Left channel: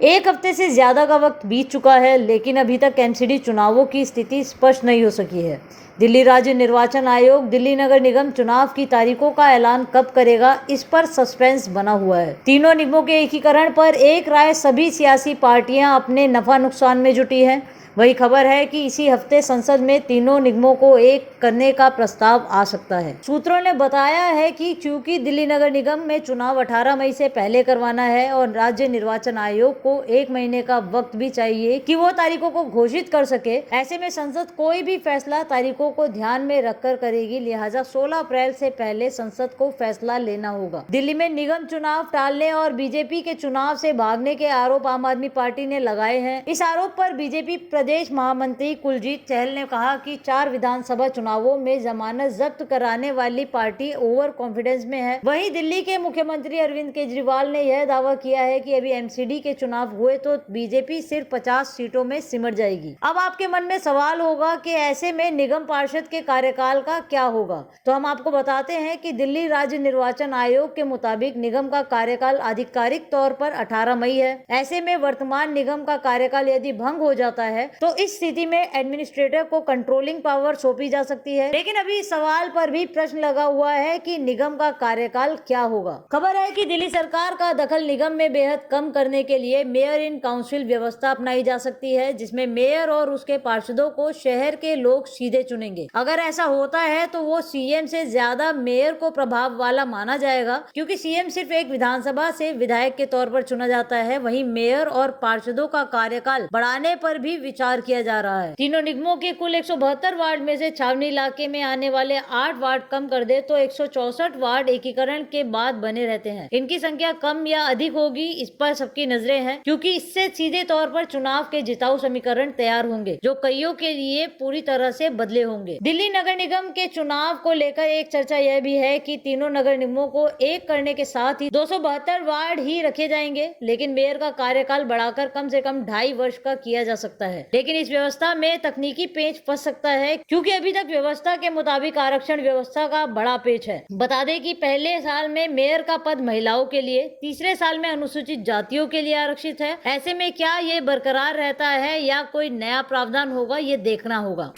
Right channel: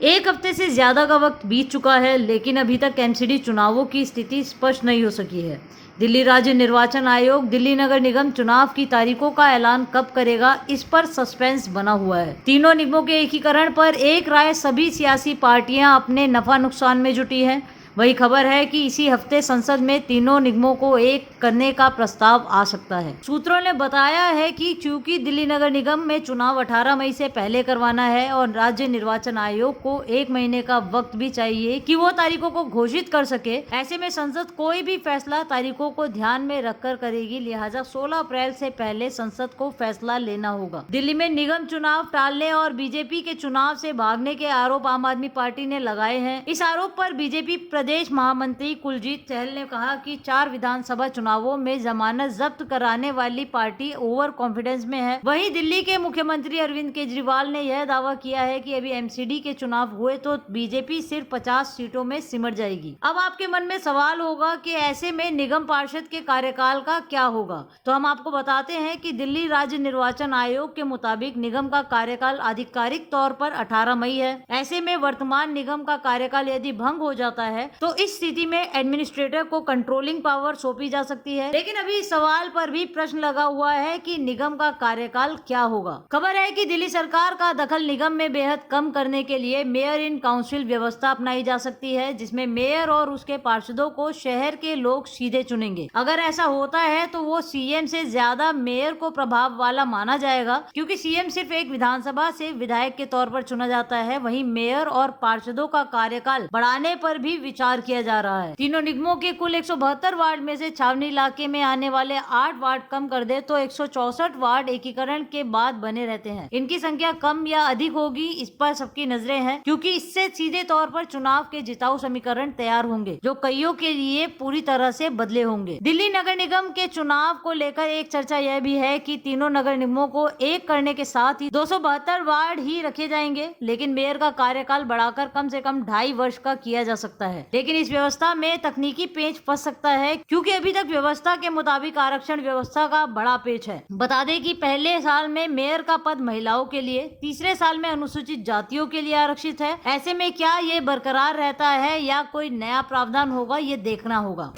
एक हफ्ते से ज्यादा का वक्त बीत चुका है, लेकिन अभी तक एमसीडी चुनावों की स्थिति स्पष्ट नहीं हो सकी है। दिल्ली राज्य निर्वाचन आयोग दिल्ली नगर निगम चुनाव की तारीखों का ऐलान कब करेगा, इस पर सस्पेंस बना हुआ है। तीनों निगमों के एकीकरण पर एक राय सभी सियासी पार्टियां अपने नफा नुकसान में जुटी हैं। वही खबर है कि इसी हफ्ते संसद में तीनों निगमों को एक करने का प्रस्ताव आ सकता है। सूत्रों ने बताया है कि चूंकि दिल्ली नगर निगम में चुनाव 18 मई से पहले करवाना है और राज्य निर्वाचन आयोग को 1 महीने का वक्त भी चाहिए कि वो तारीखों को घोषित कर सके, ऐसे में संसद कोई भी फैसला तारीखों को ध्यान में रखकर करेगी। लिहाजा 16 अप्रैल से पहले संसद को फैसला लेना होगा। दिल्ली में निगम चुनाव टालने और बीजेपी के चुनाव से भागने के आरोप आम आदमी पार्टी ने लगाए हैं। इस आरोप पर बीजेपी प्रदेश महामंत्री कुलजीत चहल ने कहा कि 4 विधानसभा चुनावों में जमानत जब्त कराने वाली पार्टी ओवर कॉन्फिडेंस में है। वहीं दिल्ली के मुख्यमंत्री अरविंद केजरीवाल ने यह दावा किया है कि अभी एमसीडी के चुनाव हुए तो बीजेपी सिर्फ 50 सीटों में सिमट जाएगी। अब आपके मन में सवाल होगा कि ऐसे में निगम पार्षद के कार्यकाल का क्या होगा, तो हम आपको बताते हैं कि दिल्ली राज्य निर्वाचन आयोग के मुताबिक निगम का कार्यकाल आधिकारिक तौर पर 18 मई है। ऐसे में वर्तमान निगम का कार्यकाल यदि भंग हो जाता है तो इस स्थिति में एडमिनिस्ट्रेटर को कंट्रोलिंग पावर सौंपी जा सकती है। लेकिन अभी इस सवाल पर भी प्रश्न लगा हुआ है कि निगम का कार्यकाल क्या होगा। खबर है कि दिल्ली सरकार का दखल निगम में बेहद कम करने के लिए मेयर इन काउंसिल व्यवस्था अपनाई जा सकती है, जिसमें मेयर और उसके पार्षदों को शहर के लोग सीधे चुनेंगे। अगर ऐसा होता है तो वो सीएम से ज्यादा मेयर को प्रभाव वाला माना जाएगा, क्योंकि सीएम सिर्फ एक विधानसभा से विधायक के तौर पर चुना जाता है। वहीं मेयर और पार्षदों का कार्यकाल बढ़ाने पर भी विचार किया जा रहा है। तीनों निगमों के कुल 172 वार्ड में से छावनी इलाके में आने वाले 8 वार्ड कम कर दे तो 164 वार्ड एकीकरण के बाद बने रहते हैं। इनकी संख्या कम या अधिक होगी, इस पर सबकी नजरें हैं, क्योंकि इससे सीधे तौर पर चुनाव के जिताऊ समीकरण तैयार होंगे, जो कईयों के लिए पूरी तरह से बदले होंगे। दिल्ली नगर निगम के चुनाव को लेकर एक चर्चा यह भी है कि तीनों नगर निगमों को एक करने के साथ ही 272 वार्ड ही रखे जाएंगे, लेकिन मेयर का कार्यकाल बढ़ाकर कम से कम 2.5 वर्ष का किया जा सकता है। लेकिन इस व्यवस्था में तकनीकी पेच फंस सकता है, क्योंकि अभी तक व्यवस्था के मुताबिक आरक्षण व्यवस्था का बड़ा पेच है। बता दें कि पहले साल में मेयर का पद महिलाओं के लिए, तीसरे साल में अनुसूचित जातियों के लिए आरक्षित है। ऐसे में क्या ये बरकरार रहता है या कोई नया प्रावधान होगा, ये देखना होगा।